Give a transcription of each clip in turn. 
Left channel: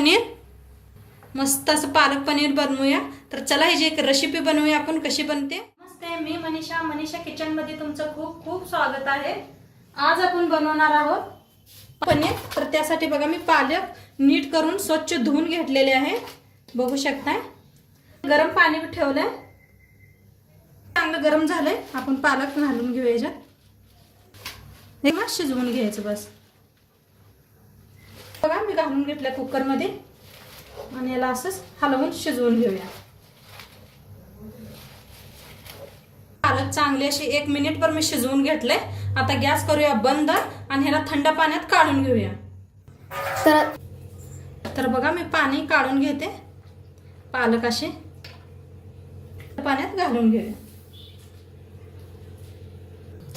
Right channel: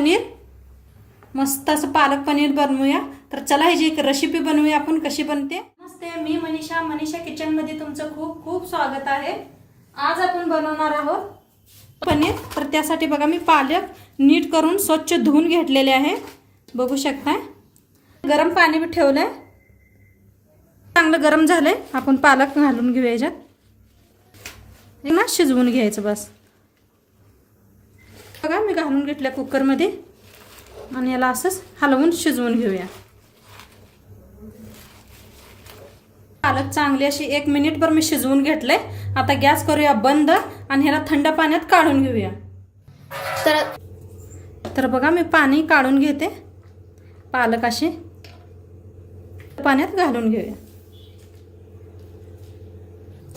पनीर, मस्त असं पालक पनीर बनवूया। तर चला ह्याची एक रेसिपी बनवूया आपण, कशी बनते। नमस्ते, मी मनीषा किचन मध्ये तुमचं खूप खूप स्वागत आहे। आज आपण बनवणार आहोत पनीर। तर त्यासाठी बघा मी पालक नीट करून स्वच्छ धुवून घेतलेले आहे, बघू शकता। गरम पाणी भी ठेवलंय, चांगलं गरम झालंय। आपण पालक घालून घेऊया याच्यात, हे ना शिजवून घ्यायचं बस। बघा मी घालून घेतल्या कुकर मध्ये आणि याला असंच हलवून शिजवून घेऊया। पालक चांगली अशी 1 मिनिटभर मी शिजवून घेतले। आता गॅस करूया बंद आणि ह्याला थंड पाण्यात काढून घेऊया। तर बघा मी पाणी काढून घेते, पालक अशी पाण्यात घालून घेऊया।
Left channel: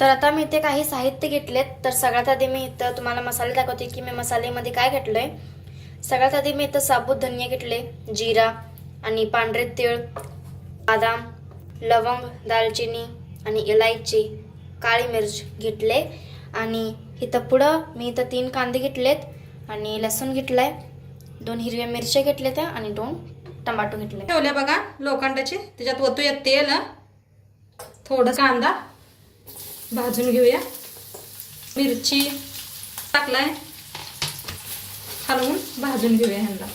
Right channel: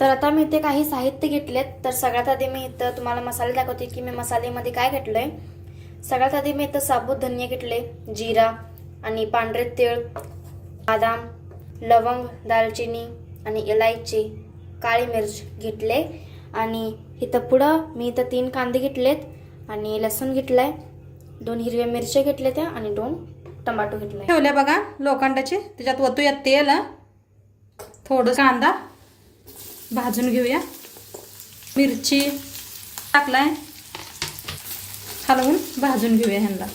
तर आता मी इथे काही साहित्य घेतलेत। तर सगळ्यात आधी मी इथं तुम्हाला मसाले दाखवते की मी मसाल्यामध्ये काय घेतलंय। सगळ्यात आधी मी इथं साबूत धनिया घेतले, जिरा आणि पांढरे तीळ, बदाम, लवंग, दालचिनी आणि इलायची, काळी मिर्च घेतले। आणि इथं पुढं मी इथं 3 कांदे घेतलेत आणि लसूण घेतलाय, 2 हिरव्या मिरच्या घेतल्या आणि 2 टमाटो घेतले ठेवले बघा लोखंडाचे। त्याच्यात ओतूया तेल, थोडं कांदा भाजून घेऊया, मिरची टाकलाय, हलवून भाजून घेऊया। ह्यांना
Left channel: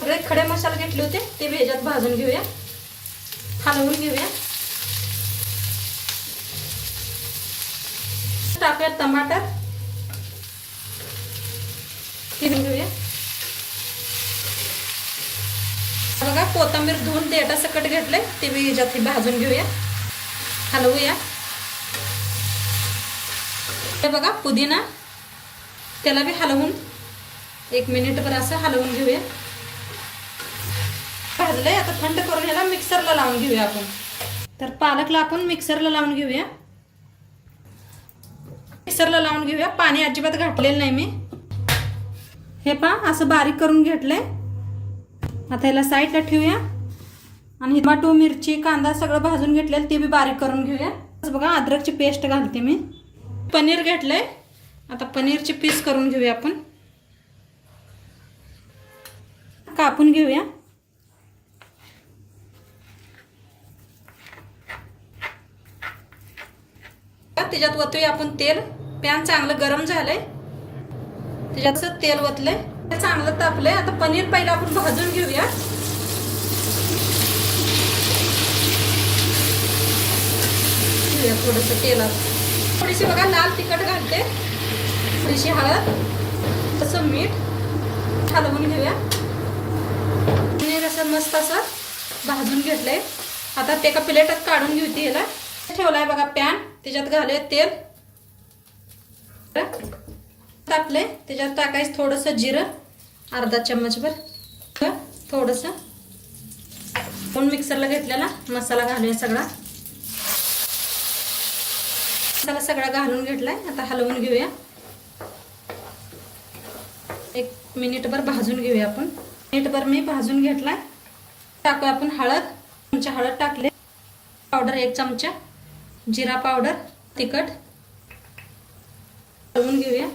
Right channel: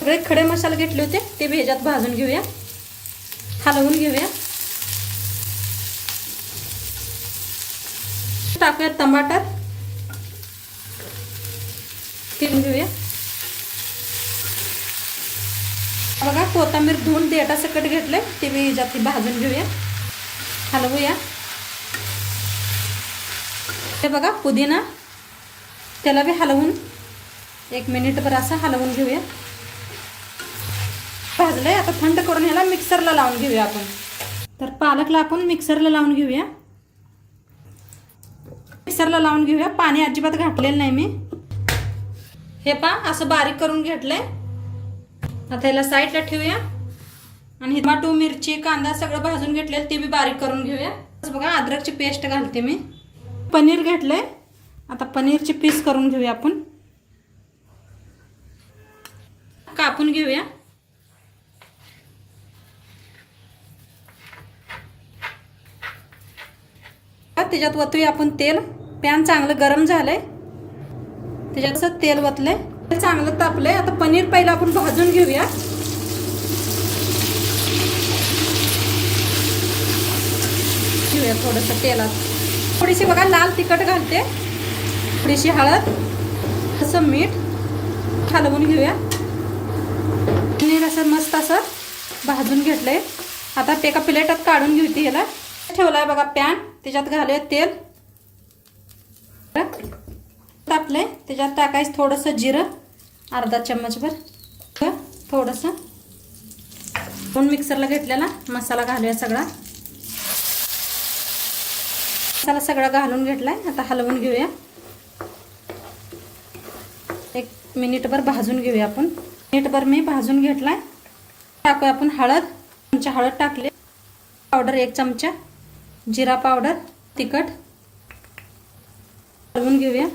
सगळे खडे मसाले घेतले होते ते भी ह्याच्यात भाजून घेऊया, हलवून घेऊया। टाकूया टमाटर, ते घेऊया। बघा कोथिंबीर धुवून देठासकट घेतले, ते बी ह्याच्यात भाजून घेऊया, हलवूया। हे बघा पुदिना, त्याला बी हलवून 1 मिनिटभर असं हलवून घेऊया। भाजलंय, आता थंड करून ह्याला मिक्सरला लावून घेऊया आपण। तर पालकला आपण मिक्सरला लावून घेऊया, मिक्सरला लावून घेऊया। पाणी अजिबात घातलेलं नाही मी। हे पहा असं बारीक करून घेतलंय। आता ह्याला साईडला ठेवूया आणि टमाटो, मिरची, कांदा सगळं भाजून घेतलेलं ते बी बारीक करून घेऊया। बघा अद्रकची पेस्ट घालते मी। पनीर घेतलंय, आता पनीरचे पीस करून घेऊया आपण, कापून घेऊया। त्याच्यात ओतूया आपण तेल। पॅन चांगलं गरम झालंय, त्याच्यात तेल ओतलंय, चांगलं तापलंय। आता पनीर पहिला आपण भाजून घेऊया। थोडस तेलात थोडीशी बघा लाल तिखट घालते, थोडीशी हळद, तसं मीठ, हलवून घेऊया। पनीर असं मस्त असं भाजून घेतलंय। आता ते एका प्लेटात काढून घेऊती। ह्याला ठेवलाय बघा पॅन, त्याच्यात घालूया तेल, टाकले, त्याच्यात टाकायचं थोडंसं जिरं, अर्धा चम्मचभर, थोडंसं आपण मिक्सरला घेतलेला मसाला घालूया। सगळा मसाला सगळा घालून घेतलाय, आता हलवून घेऊया। 1 मिनिटभर भाजून घेऊया आपण। मिनिटभर मी भाजून घेतलाय। टाकूया आपण हळद, चमचा हळद टाकले, पावडर 1 चमचा, जिरा पावडर, तिखट, हलवून घेऊया।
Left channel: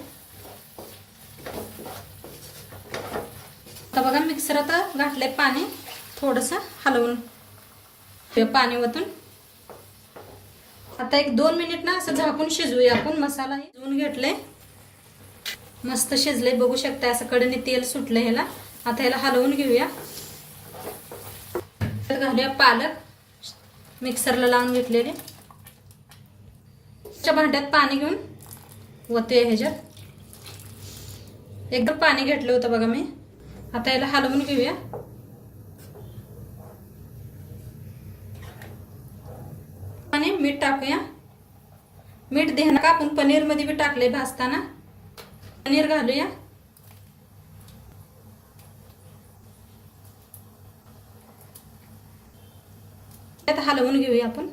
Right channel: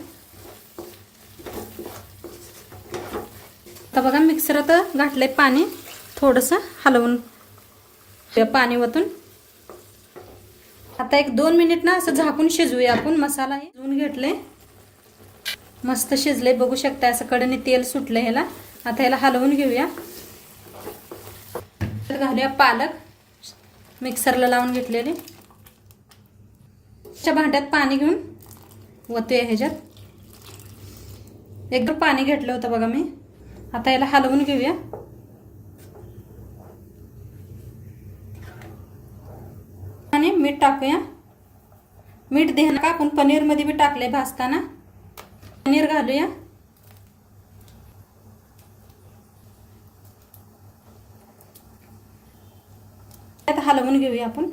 आता बघा मिक्सरात घातलंय पाणी, थोडंसं हलवून पाणी वतून आता 1-2 मिनिट ना असं झाकून शिजवूया आपण। मसाला शिजवून घेतले, मस्त शिजले, बघू शकता असं कडेने तेल सुटले ह्याला। आता ह्याला हलवून घेऊया। तर घालूया पालक मिक्सरला लावून घेतलेले, भांड्यात पाणी घेऊन ओतूया ह्याच्यात। एकदम पाणी घेतलं होतं बघा मी। आता याला हलवून घेऊया। आणि मीठ टाकूया, मीठ देणं का आपण पनीर मध्ये भी टाकले भाजताना। पनीर घालूया, आता हलवून घेऊया आपण।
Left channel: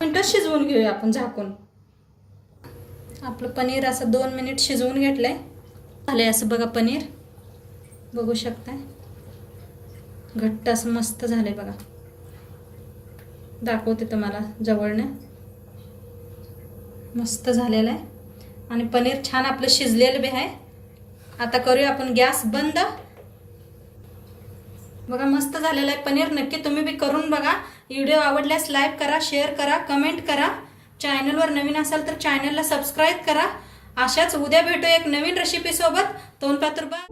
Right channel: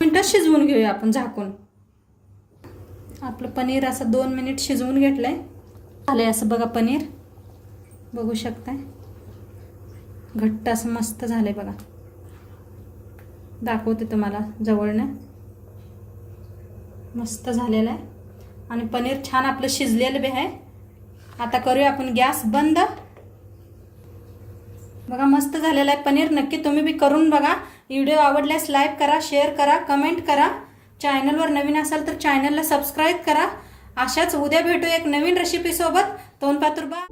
मिनिटं शिजवून घेऊया आपण झाकून। आपलं पनीर असं 2 मिनिट शिजवून घेतलंय, झालंय असं बघा पनीर, बघू शकताय घट्ट असं मस्त झालंय बघा। दाखवते तुम्हाला जवळने, मस्त झालेलं आहे आणि पनीर छान आपलं शिजलेलं बी आहे. आता करूया आपण गॅस बंद. बघा मस्त झालेलं आहे पनीर. नक्की तुम्ही बी करून बघा. व्हिडिओ आवडल्यास लाईक करा, शेअर करा, कमेंट करा. चॅनलवर नवीन असाल तर चॅनलला सबस्क्राईब करा. अशाच उद्या भेटू एक नवीन रेसिपी सोबत. तोंड पातुरबा.